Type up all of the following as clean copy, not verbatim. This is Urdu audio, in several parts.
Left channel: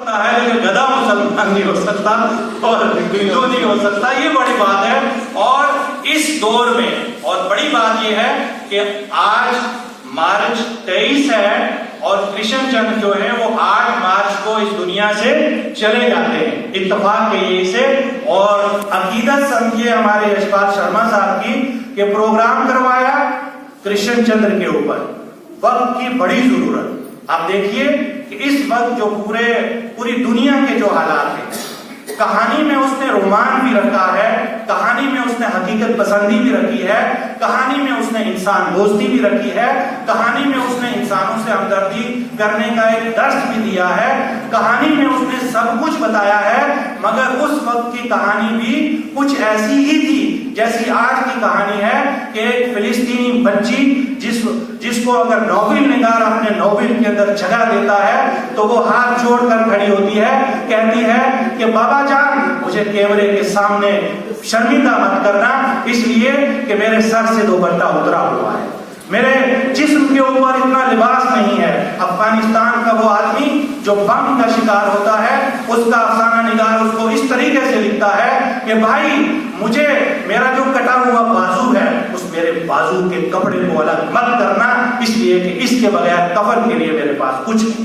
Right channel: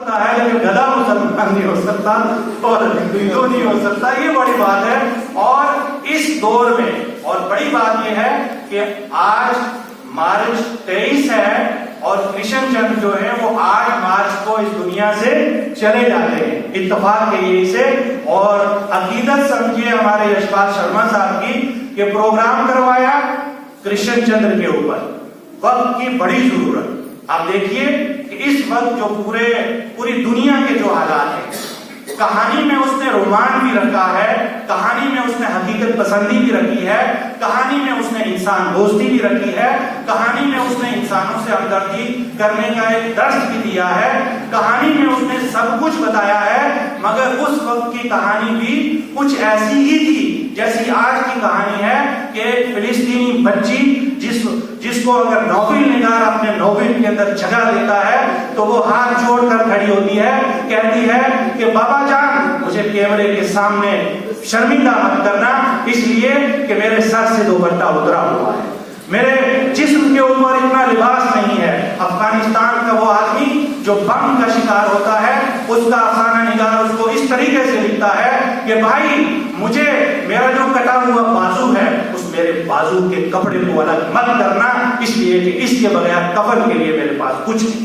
ہے لیکن گدھا مسلمان نہیں ہو سکتا اور ہندو نہیں ہو سکتا، یہ بڑی بات ہے۔ اور اس دور میں اور بڑی بات یہ ہے کہ آج مارچ 23 ہے اور کرشن چندر جو ہے وہ 8 مارچ کو اس دنیا سے چلے جاتے ہیں اتفاق کے یہ سے۔ اور عقیدت سمجھیے ہمارے یشپال شرما صاحب کی کہ پروگرام کروایا کرشن چندر کے اوپر، وقت کی بڑی ضرورت۔ آپ دیکھیے کہ اس وقت جو پوری دنیا کے جو حالات ہیں، کہانی میں اس نے رومان بھی رکھا ہے، کہانی میں اس نے حقیقت پسندی بھی رکھی ہے، کہانی میں اس نے انسان دوستی بھی رکھی ہے، کہانی میں اس نے انسانوں سے ہمدردی کرنے کا ایک درس بھی دیا ہے، کہانی میں اس نے سب کچھ بتایا ہے۔ مگر اس وقت کی کہانی بھی کچھ ایسی ہی تھی جیسی آج کی کہانی ہے کہ ایک فلسطینی بچی جس کو اگر نوبل نگار اپنے نوبل کے اندر جگہ دیتا ہے تو وہ ہاتھ جوڑ کر کھڑی ہوتی ہے، کہتی ہے کہ بابا جان مجھے کیمرے کے سامنے شرمندہ مت کرنا، اس لیے کہ میرے سر سے دوپٹہ اترا ہوا ہے، میرے جسم کے اوپر اتنا لباس نہیں ہے۔ افغانستان کا وہ آدمی جو بم کا شکار ہوتا ہے، اس کا افسانہ نگار اس کو اس طریقے سے لکھتا ہے کہ بھائی مجھے میرا جو کٹا ہوا بازو ہے اس میرے بازو کے کپڑے کو الگ مت کرنا، اس لیے کہ اس کے بغیر کفن کے لیے میرے پاس کچھ نہیں۔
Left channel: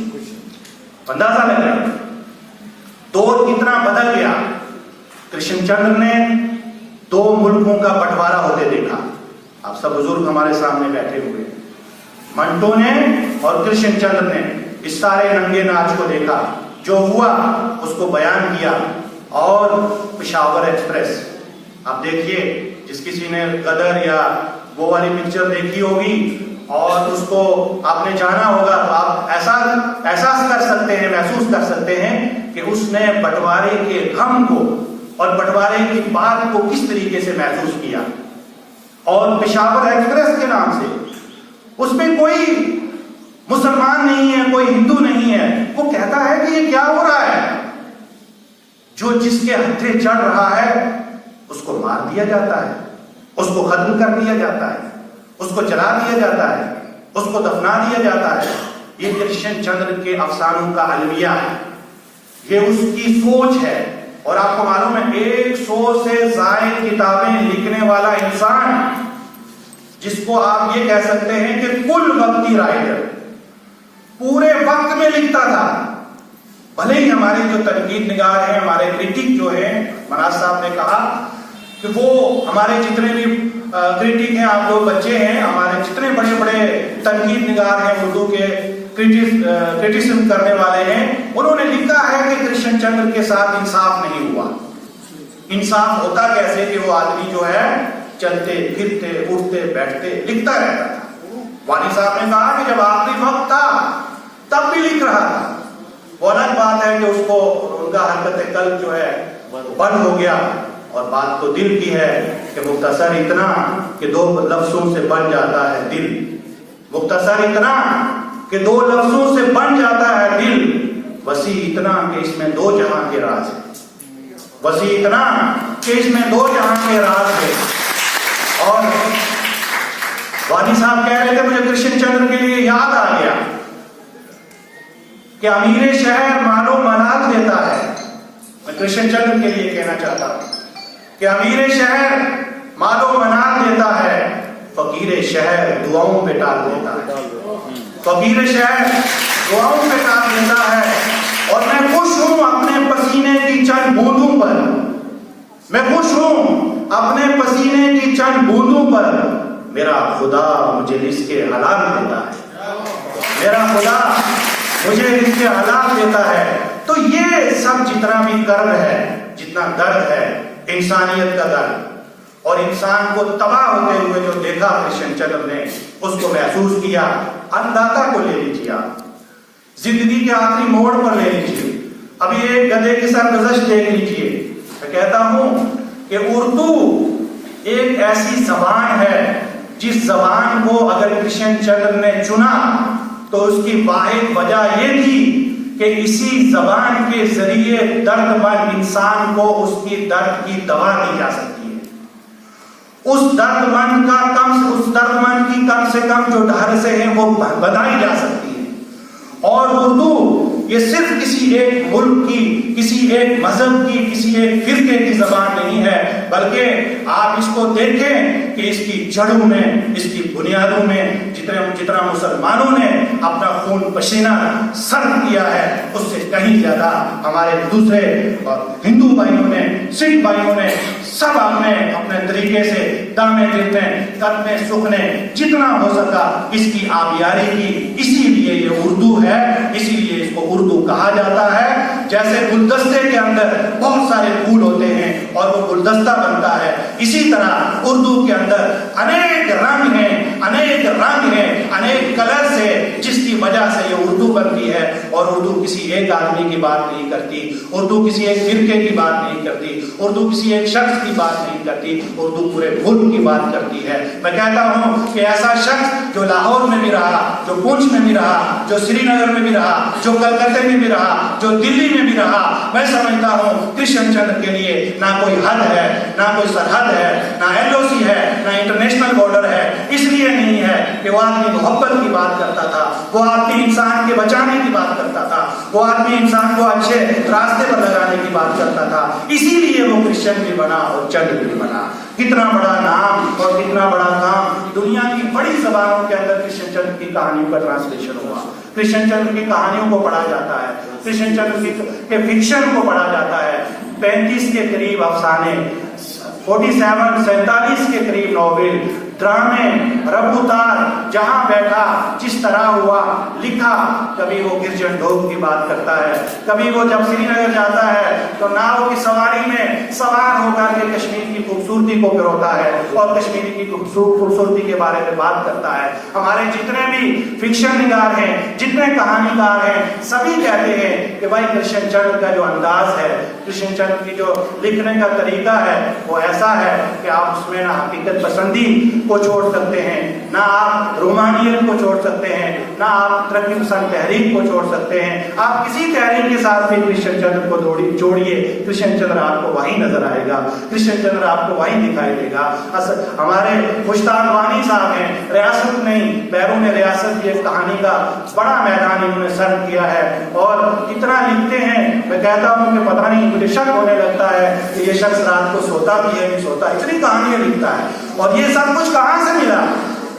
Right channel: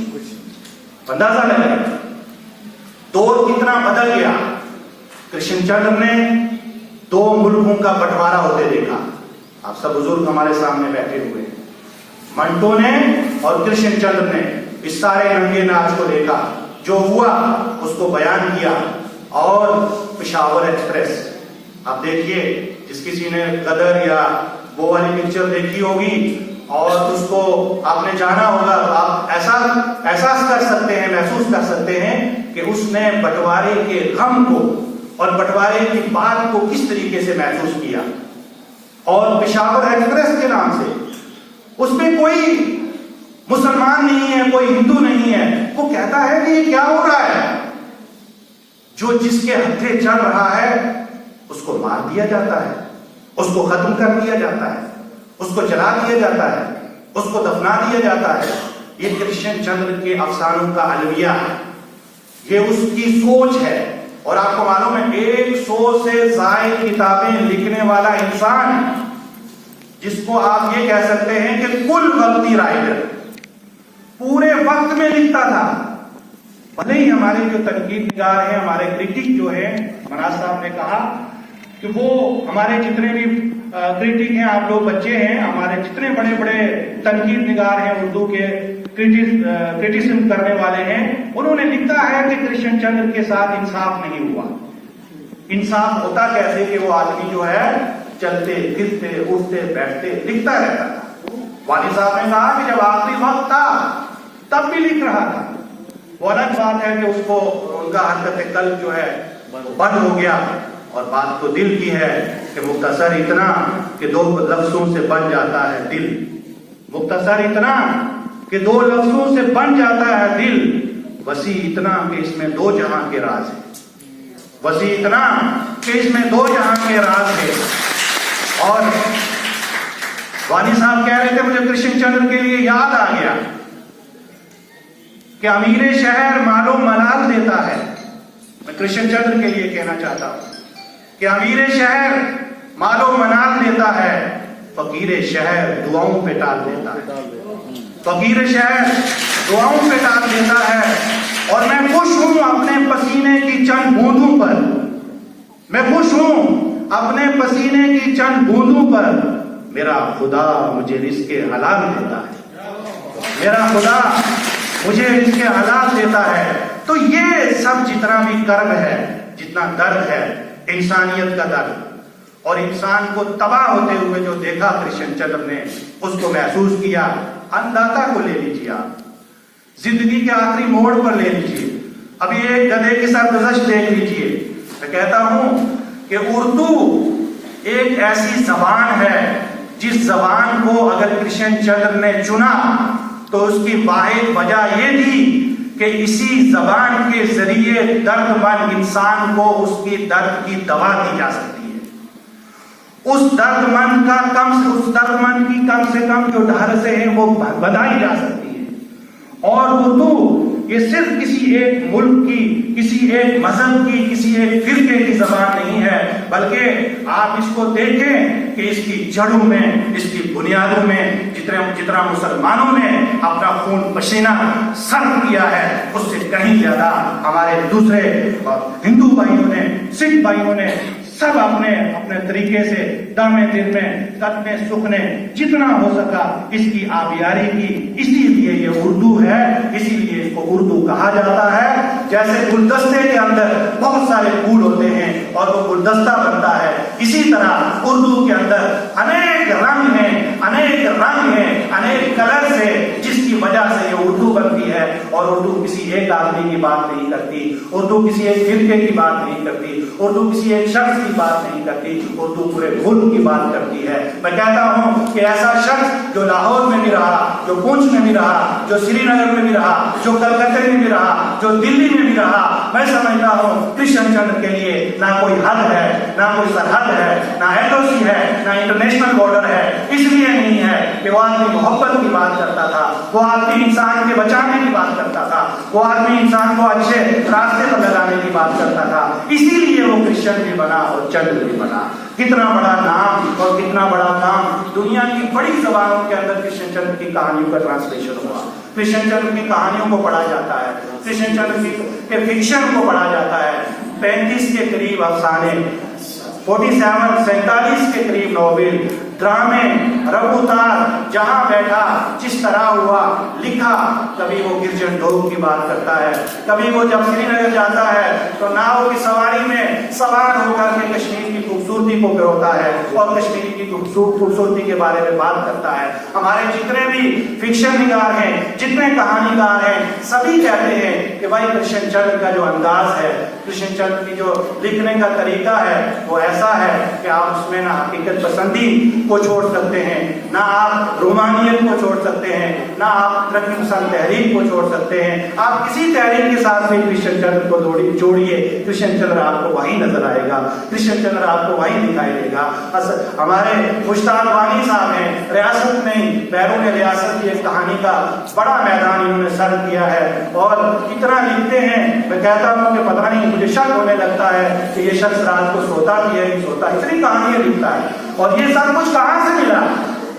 اندازہ لگا دور کتنا بدل گیا۔ کرشن چندر نے 2 ملکوں کا بٹوارا ہوتے دیکھا، آپ سب بزرگ ہمارے سامنے بیٹھے ہوئے، منٹو نے اور کرشن چندر نے اس سارے رنگے ناچ کو دیکھا، جو ہوا اس کو بیان کیا۔ اور پشاور ایکسپریس آپ دیکھیے، جس کسی نے غدر یا وہ والی پکچر دیکھی ہوگی اور اس کو آپ نے جانا ہوگا، آپ احساس کر سکتے ہیں، محسوس کر سکتے ہیں کہ اس نے بٹوارے کے غم کو اور بٹوارے کی بات کو کس طریقے سے محسوس کیا۔ اور پشاور ایکسپریس کے نام سے اس میں کوئی مسلمان نہیں ہے، کوئی ہندو نہیں ہے، وہ کہتا ہے کہ یہ کیا ہو رہا ہے، جو جس کے ہتھے چڑھ رہا ہے اس کو مار دیا جاتا ہے، اس کو ختم کر دیا جاتا ہے، اس کو جلا دیا جاتا ہے، اس کو دفنا دیا جاتا ہے۔ یہ کرشن چندر کے افسانوں کا المیہ ہے، یہ اس کی سوچ ہے۔ اور آپ کو معلوم ہے 100 سے زائد کتابیں لکھنے والا انسان، جس کو آپ یہ کہہ سکتے ہیں کہ کل وقتی رائٹر، پورے وقت میں لکھتا تھا۔ بھلے ہی ہمارے جو تنقید نگار ہیں، ہمارے کرٹک جو ہیں، مناج صاحب نے کہا کہ وہ ہمارے جتنے بھی کرٹک ہیں، آپ لوگ بچے ہیں، ہمارے جتنے بڑے بڑے تنقید نگار ہیں، اردو کے کرٹیسزم کرنے والے ہیں، انہوں نے لکھا ہے کہ کرشن چندر کے ساتھ انصاف نہیں ہوا۔ انصاف ہوتا کیسے کہ وہ آدمی جو ہے چلتے پھرتے اٹھتے بیٹھتے لکھتا رہتا تھا۔ والد صاحب نے کہا کہ جب آخری وقت تھا تب بھی لکھ رہا تھا۔ وہ الگ بات ہے کہ اس کو ان کا حرکت قلب جو ہے بند ہو گیا، اور بات تو دل کی ہے کہ مختصر اتنا کہ 2 لفظوں سے بن جاتا ہے دل، مختصر اتنا کہ 2 لفظوں سے بن جاتا ہے دل، وسیع اتنا کہ اس میں 2 جہاں کے راز ہے، وسیع اتنا کہ اس میں 2 جہاں کے راز ہے۔ اور والد صاحب کہہ رہے تھے مجھے کرشن چندر کے لیے یاد آ گیا کہ امیر شہر مال و منال دیتا ہے۔ میں کرشن چندر کے لیے کہنا چاہتا ہوں کہ امیر شہر مال و منال دیتا ہے، فقیر شہر دعاؤں پہ ٹال دیتا ہے، فقیر شہر دعاؤں پہ ٹال دیتا ہے۔ اور میں خوش ہوں اپنے پسینے کی چند بوندوں پر، میں خوش ہوں اپنے پسینے کی چند بوندوں پر، میرا خدا مجھے رزق حلال دیتا ہے، میرا خدا مجھے رزق حلال دیتا ہے۔ تو یہ سب جتنا بھی کرب ہے، جتنا درد ہے، انسانیت کا درد، اور انسان کو تباہ ہوتے ہوئے جو دیکھا کرشن چندر نے، اس کو محسوس کیا۔ انداتا کو لے لیجیے، آپ زندگی کے آخری موڑ پر لے لیجیے، ابھی ایک گدھے کی سرگزشت دیکھ لیجیے۔ میں کہتا ہوں کہ اردو ایک ایسی زبان ہے جس زبان کو اگر کرشن چندر نے چنا تو اس کی واحد وجہ یہ تھی کہ اسی زبان کے ذریعے درد مند انسان کو اس کی درد کی دوا دی جا سکتی ہے، اس درد مند کی کم سے کم جو ڈھر سے ہے وہ بدائی جا سکتی ہے۔ اور اردو یہ صرف کسی ایک ملک کی، کسی ایک مذہب کی، کسی ایک فرقے کی زبان نہیں ہے، بلکہ آپ اس کو دیکھیں کہ اس کی جڑوں میں، اس کی بنیادوں میں جتنا مسلمانوں نے اپنا خون پسینہ صرف کیا ہے، اس سے کہیں زیادہ ہمارے دوسرے ہندو بھائیوں نے، سکھ بھائیوں نے سب اپنے طریقے سے دم دل میں قدمے سکھنے جتنا ہو سکا اس کی آبیاری کی۔ اسی لیے یہ اردو ہے، اسی لیے اس کو اردو کہا جاتا ہے۔ جیسے گلدستے کے اندر بہت سارے پھول ہوتے ہیں اور وہ گلدستہ بنتا ہے، اسی طرح اردو کے اندر انیک رنگ ہیں، انیک رنگ ہیں، انیک کلر سے، جس کی وجہ سے یہ اردو بنتی ہے۔ اور اردو کسی ایک آدمی کی بات نہیں کرتی، اردو کسی ایک فرقے کی بات نہیں کرتی، اردو کسی ایک شخص کی بات نہیں کرتی، اردو پورے ملک کی بات کرتی ہے۔ میں کہتا ہوں کہ ایسا شخص جو لاہور میں بھی رہا، جو پونچھ میں بھی رہا، جو سری نگر میں بھی رہا، جو کلکتہ میں بھی رہا، جو دلی میں بھی رہا، میں سمجھتا ہوں کرشن چندر کے لیے نہ کوئی حد ہے، نہ کوئی سرحد ہے، نہ LOC ہے، نہ انٹرنیشنل بارڈر ہے۔ اس لیے نہیں ہے کہ وہ آدمی محبت کی بات کرتا تھا، وہ آدمی انسان کے بچانے کی بات کرتا تھا، وہ آدمی انسان کو اچھے راستے پر لگانے کی بات کرتا تھا، اسی لیے وہ کرشن بھی بنا اور چندر بھی بنا۔ کتنا بڑا نام اور کتنا بڑا کام، دنیا کی بڑی زبانوں کے اندر کرشن چندر کی کہانیوں کا ٹرانسلیشن ہوا، کرشن چندر کی کہانیوں کو پڑھا جاتا ہے، کرشن چندر کے فکشن کو پڑھا جاتا ہے۔ 35 کے قریب افسانے، 47 کے قریب ناول، ڈرامے، رب اتار، جہاں بیٹھا، جس طرح ہوا، لکھا۔ کبھی وہ گرجن ڈھوک کی بات کرتا ہے، کبھی وہ جب سری نگر جاتا ہے تو ناؤ کی سواری میں سوار ہو کر کے کشمیر کی خوبصورتی کو پروتا ہے اور کشمیر کی خوبصورتی کے بارے میں بات کرتا ہے۔ ہمارے جتنے بھی فکشن نگار ہیں، جتنے کہانی کار ہیں، سبھی کہتے ہیں کہ بھائی کرشن چندر کا جو انداز ہے، کرشن چندر کی جو لکھنے کا طریقہ ہے، وہ ایسا ہے کہ آپ اس میں نہ حقیقت پسندی کو چھوڑ سکتے ہیں، نہ آپ رومانیت کو چھوڑ سکتے ہیں، نہ آپ ترقی پسند تحریک کو چھوڑ سکتے ہیں۔ آپ کسی تحریک کے ساتھ بھی کرشن چندر کو جوڑیے، کرشن چندر آپ کو وہیں نظر آئے گا، کرشن چندر آپ کو وہیں دکھائی دے گا۔ ہمارے مشتاق وانی صاحب ہیں، ریاست نہیں بیرون ریاست کی ایک کہانی کا بڑا میدان انہوں نے سر کیا ہے اور اتنا لکھتے ہیں، میں کہتا ہوں کہ پتہ نہیں مجھے شک ہونے لگتا ہے کہ یہ شخص رات کو سوتا بھی ہے نہیں سوتا، اتنی کہانیاں لکھتا ہے۔ اور یہ سب کچھ کہاں سے ملا؟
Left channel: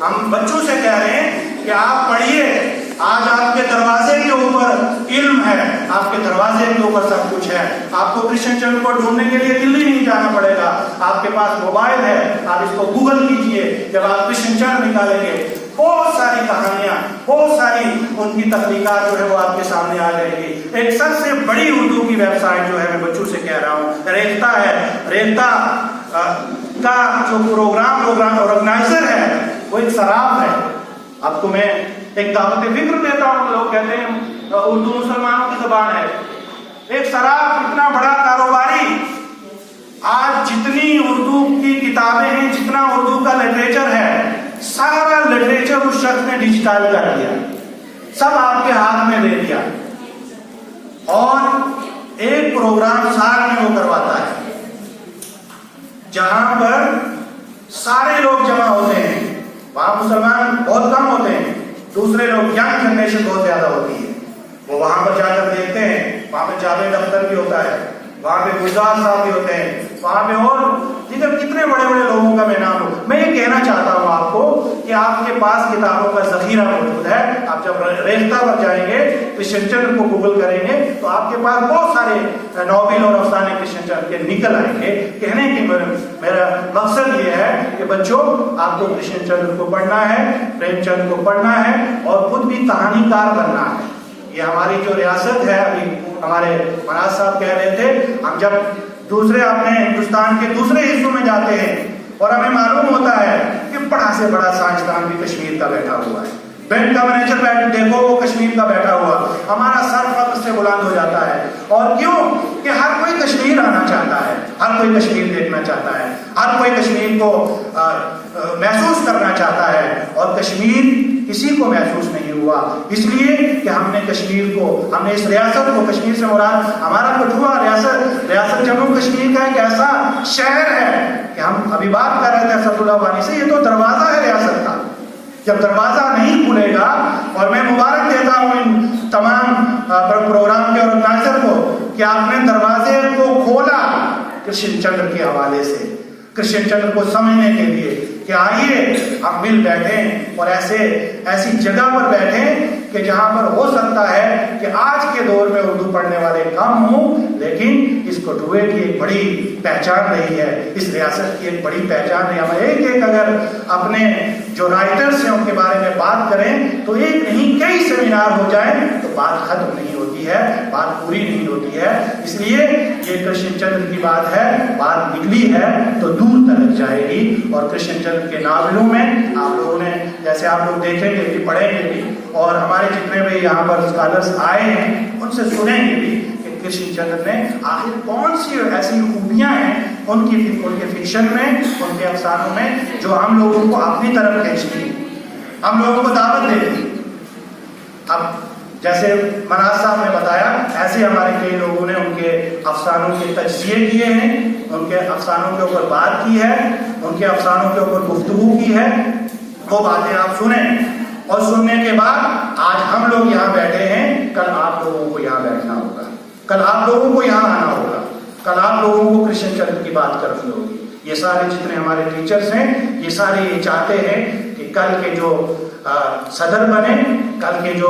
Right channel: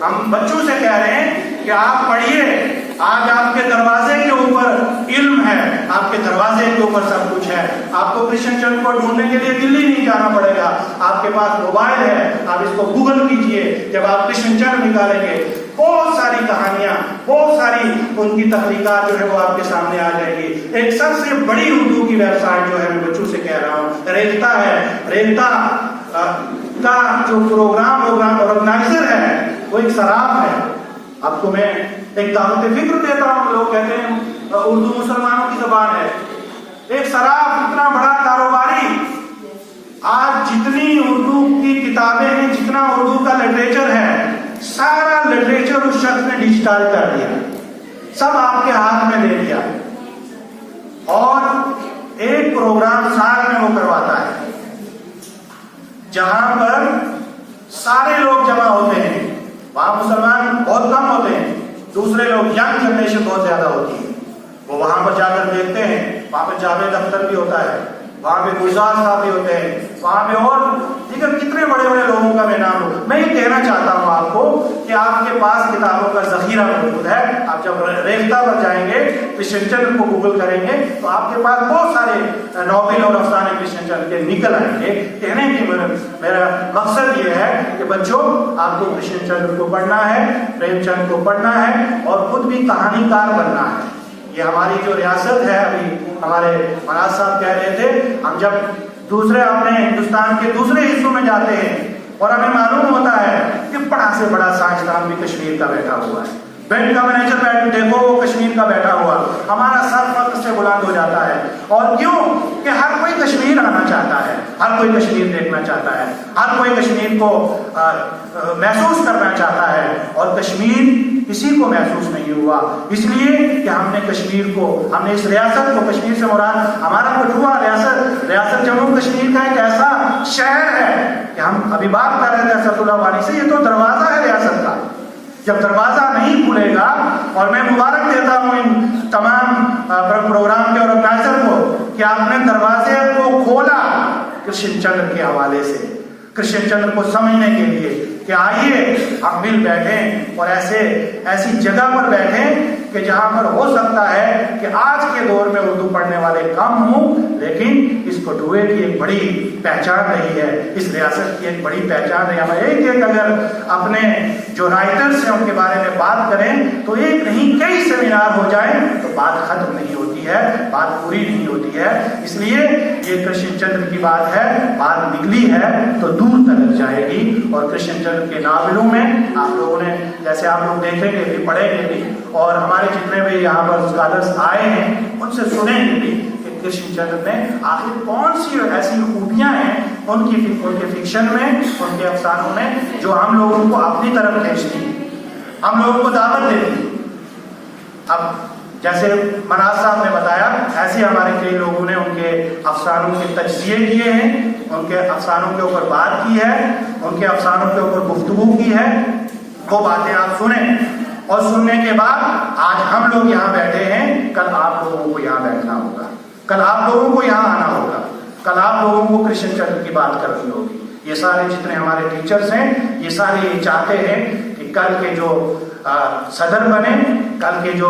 ہم بچوں سے کہہ رہے ہیں کہ آپ پڑھیے، آج آپ کے دروازے کے اوپر علم ہے، آپ کے دروازے کے اوپر سب کچھ ہے۔ آپ کو کرشن چندر کو ڈھونڈنے کے لیے دلی نہیں جانا پڑے گا، آپ کے پاس موبائل ہے، آپ اس کو گوگل کیجئے، جب آپ کرشن چندر نکالیں گے بہت ساری کہانیاں، بہت ساری ان کی تخلیقات جو ہے وہ آپ کے سامنے آ جائے گی۔ ایک سب سے بڑی اردو کی ویب سائٹ جو ہے، میں بچوں سے کہہ رہا ہوں، ریختہ ہے۔ ریختہ کا جو پروگرام آرگنائزر ہے وہ ایک سراف ہے۔ آپ کو میں ایک دعوت فکر دیتا ہوں، لوگ کہتے ہیں اردو مسلمانوں کی زبان ہے۔ ایک سراف اتنا بڑا کاروباری، آج جتنی اردو کی کتابیں ہیں، جتنا اردو کا لٹریچر ہے، سارا لٹریچر اس شخص نے ڈیجیٹائز کر دیا، سب آپ کے ہاتھ میں دے دیا، اور ایک پروگرام سال میں وہ کرواتا ہے جہاں پر سارے لوگ جمع ہوتے ہیں۔ وہاں مسلمان بہت کم ہوتے ہیں، دوسرے لوگ ینگ جنریشن بہت زیادہ ہوتی ہے، وہ وہاں پر جا کر دیکھتے ہیں۔ وہاں پہ جاوید اختر بھی ہوتا ہے، وہاں پہ گلزار صاحب بھی ہوتے ہیں، وہاں پہ اور دیگر کتنے بڑے بڑے لوگوں کا میں نام ہوں۔ میں یہ کہنا چاہتا ہوں آپ کو کہ آپ کے پاس کتابوں کا ذخیرہ موجود ہے۔ آپ جب ریختہ پر جائیں گے، کرشن چندر کو گوگل کریں گے تو آپ کے پاس بہت سارے ناول اور افسانے کرشن چندر کے نکل آئیں گے۔ کہنے کی میرا مقصد یہ ہے کہ بچوں، آپ کو کرشن چندر کو پڑھنا ہے، پریم چند کو پڑھنا ہے اور خود بھی کہانی کار بننا ہے۔ یہ ہماری جو ریاست ہے، ابھی ہمارے مناز صاحب کہہ رہے تھے، ہم جب دوسرے اپنے ہندوستان کے دوسرے حصوں میں جاتے ہیں اور ہمیں معلوم ہوتا ہے کہ بڑا سے بڑا سائنسدان بھی کشمیر کا بیٹھا ہوا ہے، بینک کا مینیجر دیکھو وہ کشمیر کا بیٹھا ہوا، ہمارا سر فخر سے بلند ہو جاتا ہے۔ اور کیوں کہ ہر کوئی کشمیر آنا چاہتا ہے، ہر کوئی کشمیر دیکھنا چاہتا ہے، ہر کوئی کشمیر کو محسوس کرنا چاہتا ہے، اور کشمیر کسی کو محسوس نہیں ہوا، اس لیے کہ ہم نے کشمیر کو، ہم نے اس ریاست کو، کشمیر سے مراد ہمارا کٹھوا ریاست جموں کشمیر کا ایک ایسا شہر ہے کہ ہم ابھی بات کر رہے تھے اسد اللہ وانی سے، یہ تو دروازہ ہے ریاست کا، جب دروازہ نہیں کھلے گا، اور میں مبارک دیتا ہوں ان تمام پروگرام کے آرگنائزر کو کہ آپ نے دروازے کو کھولا کرشن چندر کے حوالے سے، کرشن چندر کو سمجھنے کے لیے کہ آئیے ہم مل بیٹھیں اور ایسی جگہ پر بیٹھیں کہ جہاں پر ہو سکتا ہے کہ آج کے دور میں اردو پڑھنے والے کم ہوں، لیکن اس بٹوے کی ایک بڑی پہچان رہی ہے، اس ریاست کی ایک بڑی پہچان رہی ہے۔ ہم ایک اگر اپنے جو رائٹرز ہیں ان کے بارے میں بات کریں تو ایک نہیں کئی سیمینار ہو جائیں تو بات ختم نہیں ہوتی ہے، بات پوری نہیں ہوتی ہے۔ اس لیے یہ کرشن چندر کی بات ہے، بات نکلی ہے تو دور تک جائے گی، اور کرشن چندر کے ناولوں میں آپ لوگوں نے جیسے آپ لوگ دیکھیں گے بھی، پڑھیں گے بھی، اور ہمارے جتنے بھی یہاں پر اسکالرس آئے ہیں ان سے سنیں گے بھی کہ کرشن چندر نے آخر کون سی ایسی خوبیاں ہیں ان کے فکشن میں، ان کے افسانوں میں جو ہم لوگوں کو اپنی طرف کھینچتی، ہم لوگوں کو دعوت دیتی۔ اب جیسے مناز صاحب نے بتایا، ایسے ہمارے کئی لوگوں نے ان کے افسانوں کے تجزیے کیے ہیں، ان کے افسانوں کے اوپر بات کی ہے، ان کے افسانوں کے اوپر گفتگو کی ہے، وہ باتیں آپ سنیں، اور سننے کے بعد آج ہم لوگ یہاں بیٹھے ہیں، کل آپ لوگوں کو یہاں بیٹھنا ہوگا، کل آپ لوگوں کو یہاں آنا ہوگا، کل آپ لوگوں کو کرشن چندر کی بات کرنی ہوگی۔ یہ سارے جتنے ہمارے ٹیچرز ہیں یہ سارے یہ چاہتے ہیں کہ کل کے جو صدر بنے، کل کے جو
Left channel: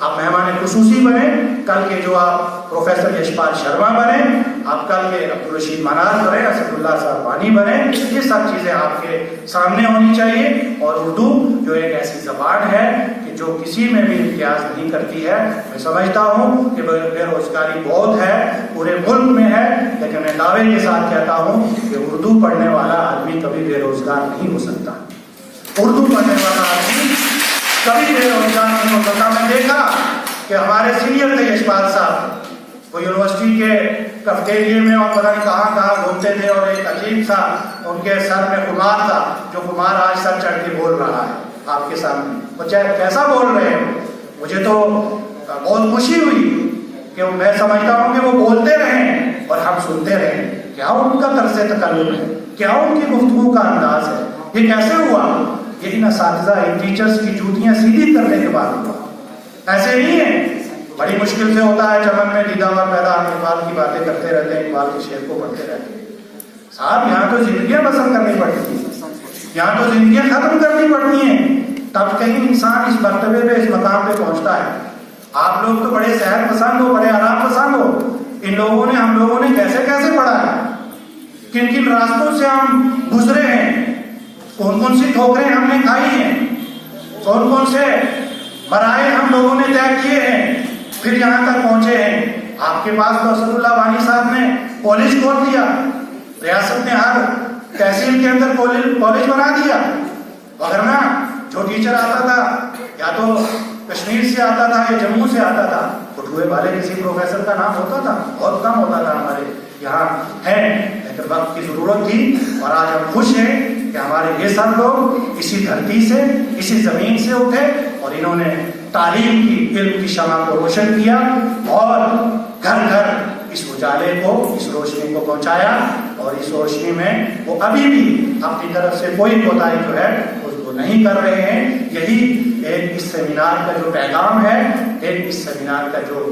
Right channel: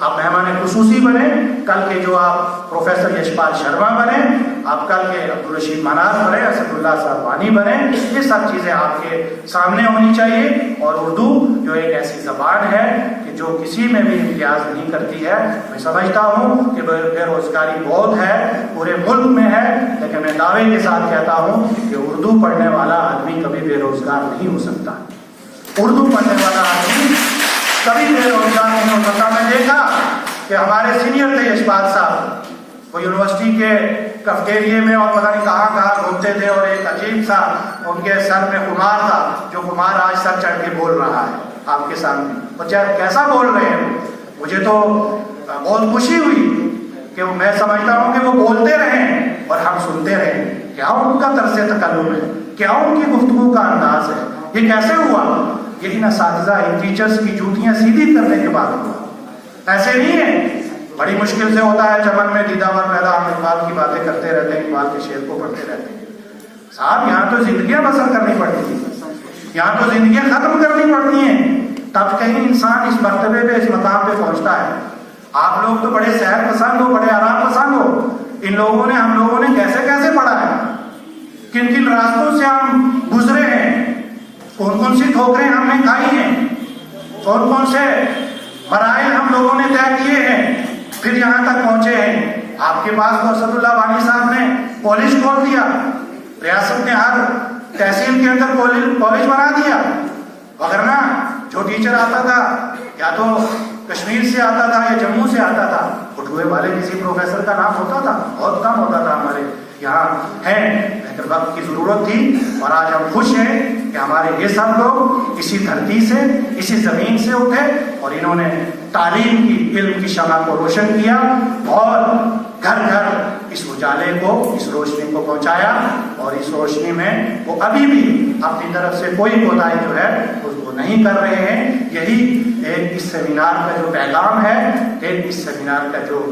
آپ مہمان خصوصی بنے، کل کے جو آپ پروفیسر یشپال شرما بنے، آپ کل کے عبدالرشید مناز بنے، اسد اللہ صاحب وانی بنے، یہ سب چیزیں آپ کے سامنے ہونی چاہیے۔ اور اردو جو ایک ایسی زبان ہے کہ جو کسی میں بھی امتیاز نہیں کرتی ہے۔ میں سمجھتا ہوں کہ بے روزگاری بہت ہے، پورے ملک میں ہے، لیکن میں دعوے کے ساتھ کہتا ہوں کہ اردو پڑھنے والا آدمی کبھی بے روزگار نہیں ہو سکتا، اردو پڑھنے والا آدمی کبھی بے روزگار نہیں ہو سکتا۔ میں دیکھا کہ ہمارے سینئر تھے یشپال صاحب، وہ یونیورسٹی کے کیفیٹیریا میں اور پتہ نہیں کہاں کہاں گھومتے تھے، اور ایک عجیب سا ان کے سر میں خمار تھا، جو خمار آج سر چڑھ کے بول رہا ہے آپ کے سامنے، اور چاہے کیسا بول رہے ہیں۔ مجھے تو بہت خوشی ہوئی کہ میں سمجھتا ہوں کہ وہ بولتے رہیں اور ہم سنتے رہیں، کیا ان کا طرز تکلم ہے، کیا ان کی گفتگو کا انداز ہے، یہ کیسے ہوا؟ یہ ان اساتذہ، ان ٹیچرز کی جوتیاں سیدھی کرنے کے بعد ہوا، ایسے نہیں ہے۔ بڑی مشکل سے ہوتا ہے چمن میں دیدہ اور پیدا، ہم اقبال کی باتیں کرتے رہتے ہیں، اقبال کے شعر کو پڑھتے رہتے ہیں۔ صاحب یہاں تو زندگیاں بسر کرنی پڑتی ہیں، یہاں تو زندگیاں ختم کرنی پڑتی ہیں، تب کہیں انسان اس مرتبے پہ، اس مقام پہ پہنچتا ہے۔ آپ لوگ تو بڑے سیر پسند ہو، بڑے آرام پسند ہو، ان لوگوں نے، ہم لوگوں نے کیسے کیسے پڑھا ہے، کن کن راستوں سے ہم گزرے ہیں، کون کون سی ٹھوکریں ہم نے کھائی ہیں، کون کون سے مراحل ہم لوگوں نے طے کیے ہیں، پھر یہاں تک پہنچے ہیں۔ آپ کے پاس تو اسد اللہ وانی صاحب نے کالج کھول دیا، ریاست نے ہر تحصیل کے اندر کالج بنا دیا، وگرنہ جو ٹیچر آتا تھا یا تو کشمیر سے آتا تھا یا جموں سے آتا تھا، بٹوے والے کسی پروفیسر کا نام ہوتا تھا، بہت کم ہوتا تھا ہمارے یہاں ہیں، لیکن وقت کی ضرورت تھی، اور آج ہم خوش ہیں کہ ہمارے یہ سب لوگ اسی دھرتی سے، اسی زمین سے اٹھے، اور انہوں نے تعلیم کی، علم کی شمع کو روشن کیا، اور گھر گھر اس اجالے کو، اس روشنی کو پہنچایا، اور اس روشنی میں وہ ابھی بھی اپنی طرف سے کوئی کوتاہی جو ہے اس کو نہیں کر رہے ہیں۔ یہی ایک اس سیمینار کا جو پیغام ہے، ایک اس سیمینار کا جو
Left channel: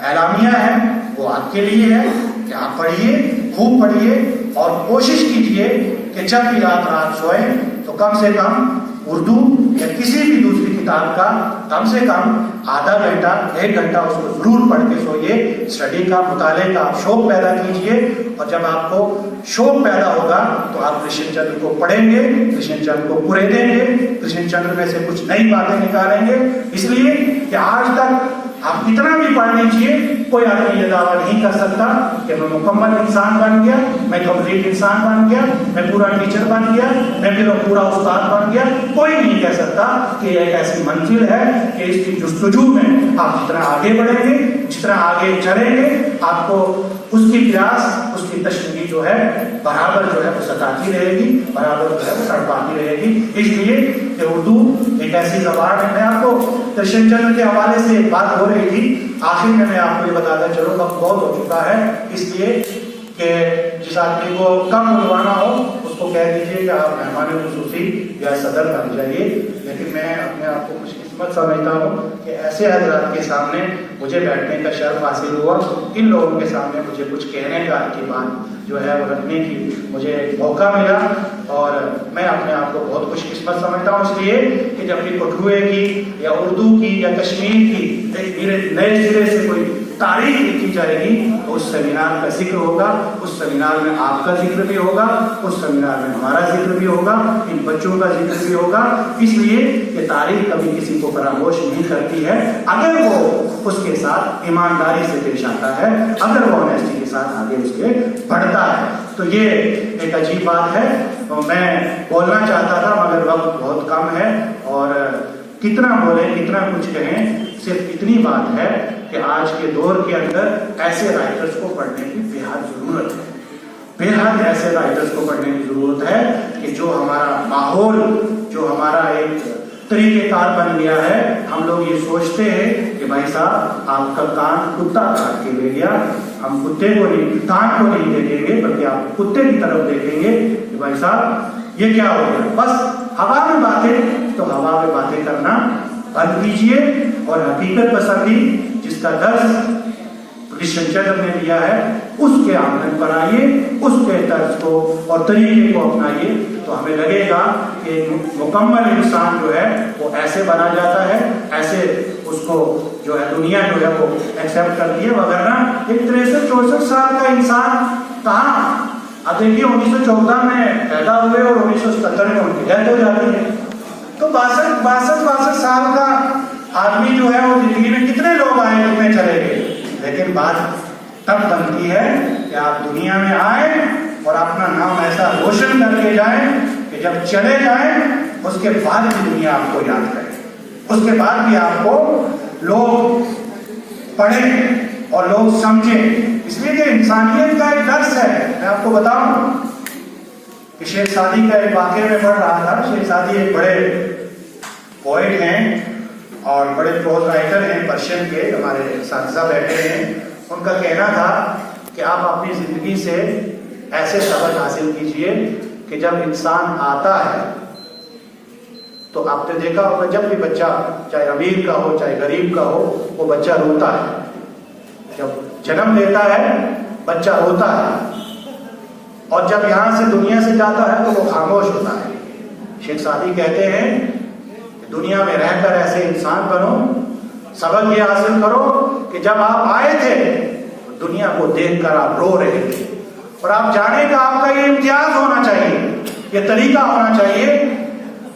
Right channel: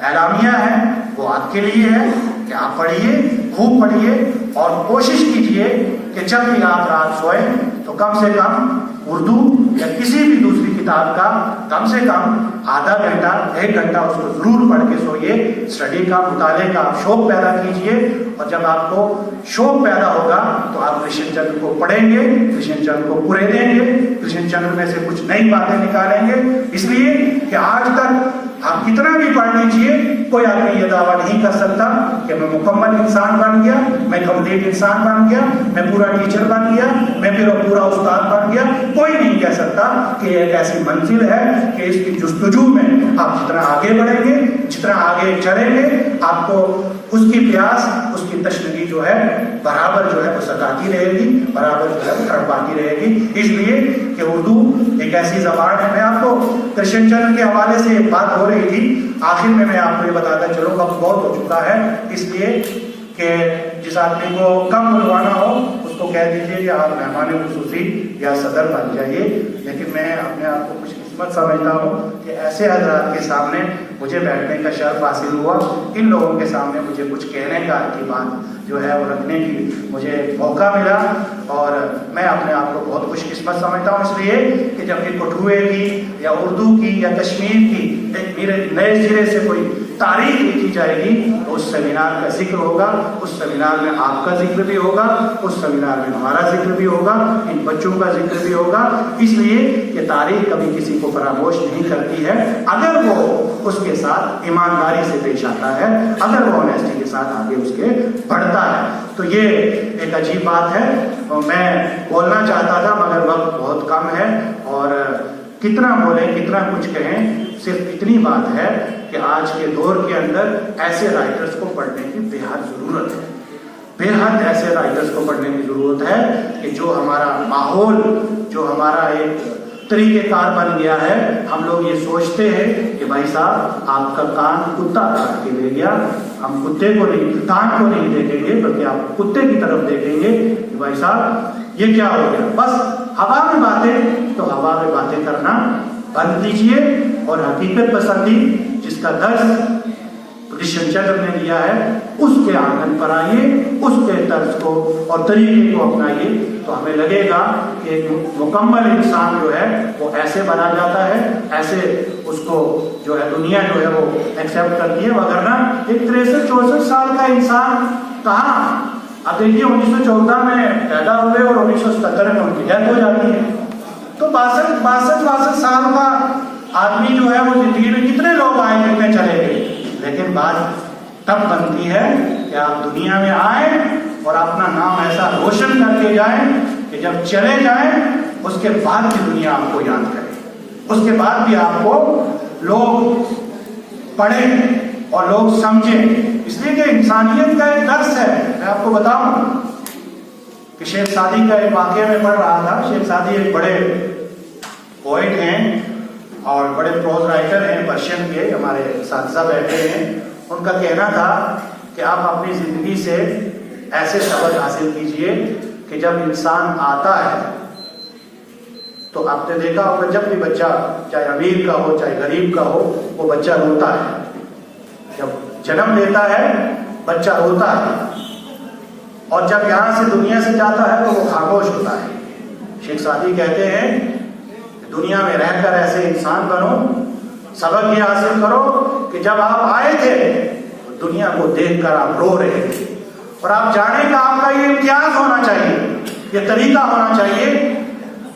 اعلامیہ ہے، وہ آپ کے لیے ہے کہ آپ پڑھیے، خوب پڑھیے، اور کوشش کیجئے کہ جب بھی آپ رات سوئیں تو کم سے کم اردو یا کسی بھی دوسری کتاب کا کم سے کم آدھا گھنٹہ، 1 گھنٹہ اس کو ضرور پڑھ کے سوئیے۔ اسٹڈی کا، مطالعے کا شوق پیدا کیجئے، اور جب آپ کو شوق پیدا ہوگا تو آپ کرشن چندر کو پڑھیں گے، کرشن چندر کو پورے دیں گے، کرشن چندر میں سے کچھ نئی باتیں نکالیں گے۔ اس لیے کہ آج تک آپ کتنا بھی پڑھ لیجئے، کوئی آدمی یہ دعویٰ نہیں کر سکتا کہ میں مکمل انسان بن گیا، میں کمپلیٹ انسان بن گیا، میں پورا ٹیچر بن گیا، میں پورا استاد بن گیا۔ کوئی نہیں کہہ سکتا کہ ایک ایسی منزل ہے کہ اس کی جستجو میں آپ جتنا آگے بڑھیں گے، جتنا آگے چلیں گے، آپ کو اس کی پیاس، اس کی تشنگی جو ہے برابر جو ہے وہ ستاتی رہے گی، برابر جو ہے وہ تڑپاتی رہے گی۔ اس لیے کہ اردو ایک ایسی زبان ہے۔ میں آپ کو کرشن چندر کے حوالے سے بات ہو رہی تھی، آخر میں آپ کو یہ بتاتا چلوں، وقت بہت ہو چکا ہے، اس لیے کہ جس آدمی کو کم بلوانا ہو اس کو کہہ دیجیے یا آپ مہمان خصوصی یا صدر بن جائیے، لیکن میں اپنے آپ کو خوش قسمت سمجھتا ہوں کہ ایسے حضرات کے سامنے مجھے بیٹھنے کا شرف حاصل ہوا، ان لوگوں کے سامنے مجھے کچھ کہنے کا کی بات جو ہے وہ رکھنے کی مجھے موقع ملا، اور میں اپنے آپ کو بہت خوش قسمت سمجھتا ہوں، اس لیے کہ جب بھی کٹھوعے کی یا اردو کی یا کشمیر کی ایک نئے سرے سے کوئی تاریخ لکھی جائے گی تو اس سیمینار کا ذکر ہوگا، اس سیمینار میں آپ کا ذکر بھی ہوگا، اس سیمینار میں ہمارا ذکر بھی ہوگا، ان بچوں کا ذکر بھی ہوگا، اس لیے کہ تاریخ کبھی کسی کو فراموش نہیں کرتی ہے اگر وہ اس کے ساتھ ایمانداری سے پیش آتا ہے، اگر وہ آنیسٹی کے ساتھ آگے اس کے بڑھتا ہے۔ تو یہ ایک عجیب بات ہے، اور میں بولنا چاہتا تھا مگر وقت بہت کم ہے، اور کتنا بولیں کتنا کچھ کہیں، صرف اتنی بات ہے کہ آج کے دور کے اندر ایسے رائٹرز کو پڑھنے کی بے حد ضرورت ہے، بے حد ایسے رائٹرز کو پڑھنے کی ضرورت ہے کہ جو ہمارا ماحول، جو ہمارا ایک طریقہ کار بن گیا ہے، ہم لوگ یہ سوچتے ہیں کہ بھائی صاحب آپ کا کان کتا کاٹ کے لے گیا، ہم کتے کو نہیں، کان کو نہیں دیکھیں گے بلکہ آپ کتے کی طرف دیکھیں گے کہ بھائی صاحب یہ کیا ہو گیا، بس ہوا میں باتیں، تو ہوا میں باتیں کرنا بند کیجیے، اور حقیقت پسندی جس کا درس کرشن چندر نے دیا ہے اس کے آنگن پر آئیے، اس کے طرز کو اور طریقے کو اپنائیے، تو ہمیں لگے گا کہ ایک مکمل انسان جو ہے وہ ایسے بنا جاتا ہے، ایسے اس کو جو ہے دنیا جو ہے وہ ایکسیپٹ کرتی ہے، وگرنہ ایک 63-64 سال کا انسان کہاں، اب دیکھیے 1914 میں پیدا ہوئے اور 1977 میں ان کی ڈیتھ ہو جاتی ہے، تو 62 سال کا آدمی جو ہے وہ زندگی میں کتنے لوگ آئے کتنے چلے گئے، لیکن بات تب بنتی ہے کہ آپ دنیا میں آئیں اور اپنا نام ایسا روشن کر کے جائیں کہ جب چلے جائیں اس کے بعد بھی دنیا آپ کو یاد کرے، اس کے بعد بھی آپ کو لوگ پڑھیں اور لوگ سمجھیں، اس لیے کہ انسانیت کا ایک درس ہے۔ میں آپ کو بتاؤں کہ شیخ سعدی کا ایک واقعہ میں پڑھ رہا تھا، شیخ سعدی ایک بڑے پوئٹ ہیں اور بڑے پروز رائٹر ہیں پرشین کے، ہمارے اساتذہ بیٹھے ہیں، ان کا کہنا تھا کہ آپ اپنی زندگی سے ایسے سبق حاصل کیجئے کہ جب انسان آتا ہے تو آپ نے دیکھا ہوگا جب بھی بچہ چاہے امیر کا ہو چاہے غریب کا ہو وہ بچہ روتا ہے، جب جنم لیتا ہے بچہ روتا ہے، اور جب یہاں سے دنیا سے جاتا ہے تو وہ خاموش ہوتا ہے۔ شیخ سعدی کہتے ہیں کہ دنیا میں رہ کر ایسے انسان بنو، سبق یہ حاصل کرو کہ جب آپ آئے تھے دنیا کو دیکھ کر آپ رو رہے تھے، اور آپ جانے کا آپ کا یہ امتیاز ہونا چاہیے، یہ طریقہ ہونا چاہیے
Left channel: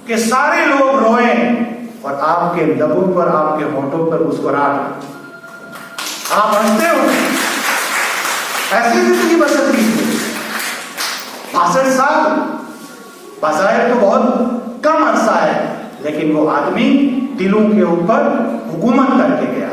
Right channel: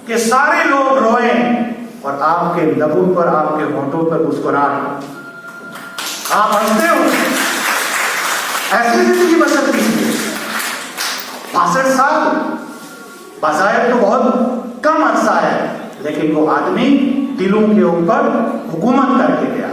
کہ سارے لوگ روئیں اور آپ کے لبوں پر آپ کے ہونٹوں پر مسکراہٹ، آپ ہنستے ہو، ایسی زندگی بسر کیجیے۔ 62 سال بظاہر تو بہت کم عرصہ ہے، لیکن وہ آدمی دلوں کے اوپر حکومت کر کے گیا،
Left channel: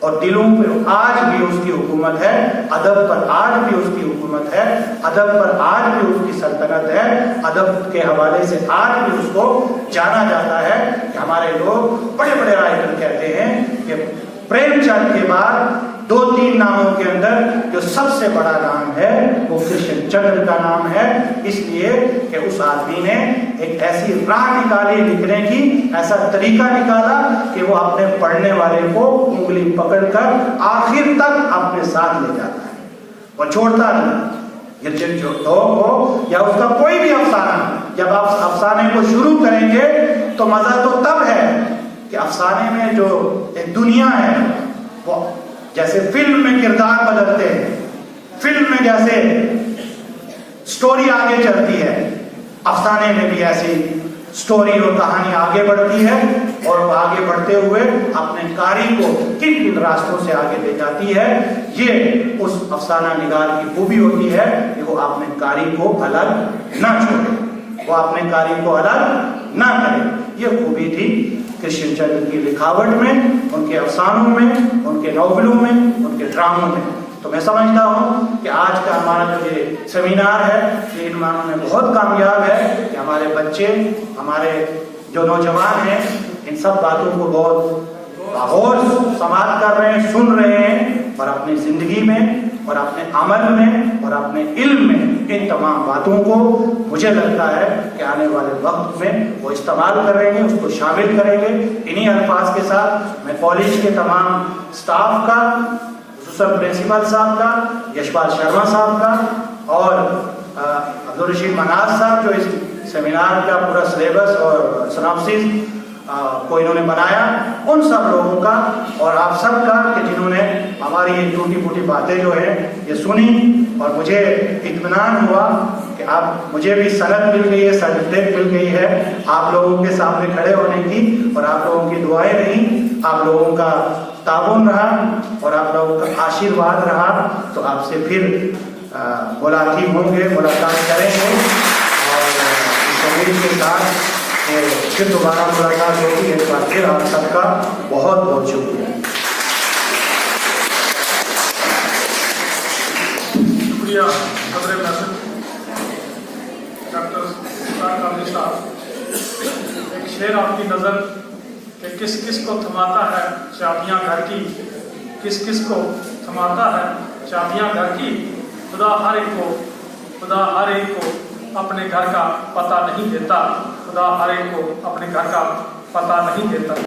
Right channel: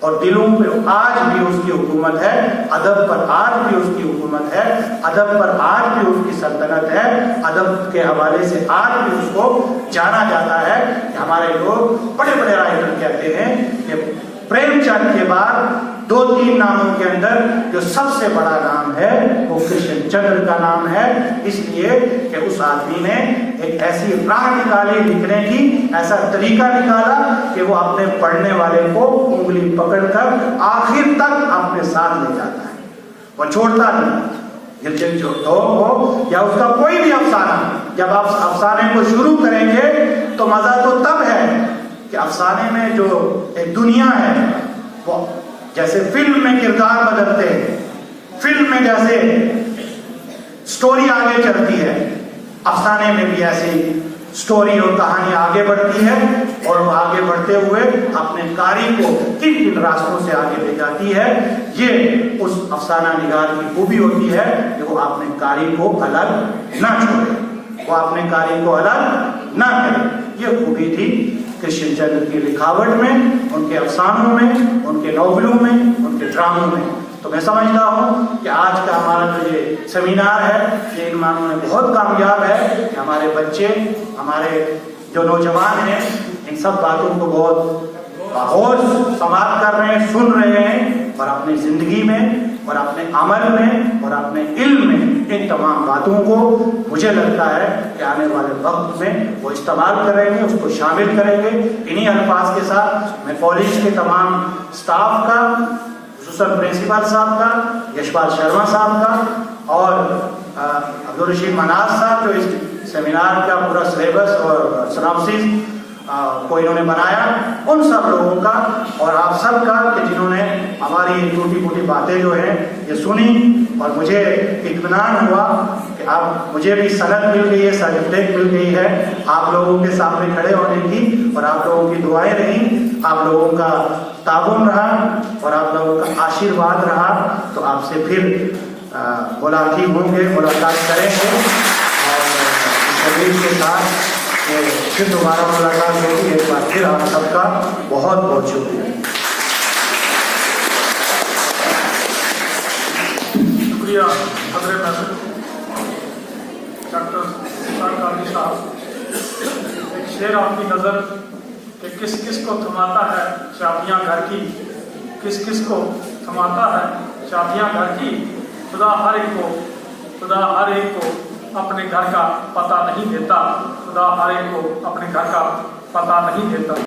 اور دلوں پہ آج بھی اس کی حکومت ہے، ادب پر آج بھی اس کی حکومت ہے، ادب پر آج بھی اس کی سلطنت ہے، ادب کے حوالے سے آج بھی اس کو جانا جاتا ہے کہ ہمارے لوگ بڑے بڑے رائٹر کہتے ہیں کہ پریم چند کے بعد 2-3 ناموں کے اندر جو سب سے بڑا نام ہے وہ کرشن چندر کا نام ہے، اس لیے کہ اس آدمی نے ایک ایسی راہ نکالی لکھنے کی، ایسا طریقہ نکالا کہ وہ اپنے پڑھنے والے کو انگلی پکڑ کر آخر تک اپنے ساتھ لے جاتا ہے، وہ چھوڑتا نہیں۔ گرجن جو ہو یا اس کا کوئی بھی افسانہ، جب آپ افسانے کو شروع کریں گے تو مزہ تو تب ہے کہ افسانے میں جو ایک دنیا ہے، وہ جیسے فلم میں کردار بدلتے ہیں، فلم میں جیسے سٹوری آگے چلتی ہے، افسانے میں بھی ایسی سٹوری اور کہانی آگے بڑھتی ہے، اور وہ آگے بڑھتے ہوئے اپنے قاری کو کن کن راستوں سے آگے لے جاتی ہے۔ یہ اس افسانہ نگار کی خوبی ہوتی ہے کہ وہ اپنے قاری کو الگ نہ چھوڑے، وہ اپنے قاری کو الگ نہ کرے۔ یہ خوبی تھی کرشن چندر کی لکھاوٹ میں، ان کے افسانوں میں، ان کے ناولوں میں، ان کے ڈراموں میں۔ تو میں سمجھتا ہوں کہ آج کا ہمارا جو یہ سیمینار ہے یہ ان معنوں میں بہت کامیاب ہے کہ ہمارے بچے، ہمارے جو نوجوان ہیں، ان سب باتوں کو بہت غور سماعت کر رہے ہیں، سن رہے ہیں، اور اپنی زندگی میں اور اور اپنے عمل میں اور اپنے علم میں ان تمام باتوں کو مجھے لگتا ہے کہ آنے والے وقت میں وہ استعمال کریں گے، اس کو شامل کریں گے۔ انہی الفاظ کے ساتھ میں کالج کے تمام سٹاف کا، خصوصاً پرنسپل صاحب کا، یشپال شرما صاحب کا اور عبدالرشید مناز صاحب جو اس سیمینار کا پورا سلیبس اور سناپسس کو انہوں نے بنایا، ان سب لوگوں کا اور آپ سب کا کہ جنہوں نے ہماری یہ ٹوٹی پھوٹی باتیں جو ہیں یہ سنی، اور مجھے اطمینان ہوا کہ اب مجھے بھی سند مل گئی ہے، سرٹیفکیٹ مل گئی ہے آپ لوگوں کے سامنے کھڑے ہونے کی، اور آپ لوگوں کی دعائیں رہیں، آپ لوگوں کا تعاون رہا اور آپ لوگوں کا آشیرواد رہا، تو آپ سے پھر ملاقات ہوں گے، ملاقات کریں گے، اور اس امید کے ساتھ پھر دوبارہ ملاقات ہوگی۔ ایک بار پھر آپ سب کا بہت بہت شکریہ۔ شکریہ حضرت ڈاکٹر قادری صاحب۔ ایک شعر آپ کی نظر کہ کس کس کو تھماتا ہے چابیاں گھر کی، کس کس کو تھماتا ہے چابیاں گھر کی، خدا ہر ایک کو اپنے گھر کا پتہ نہیں دیتا، خدا ہر ایک کو اپنے گھر کا پتہ نہیں دیتا۔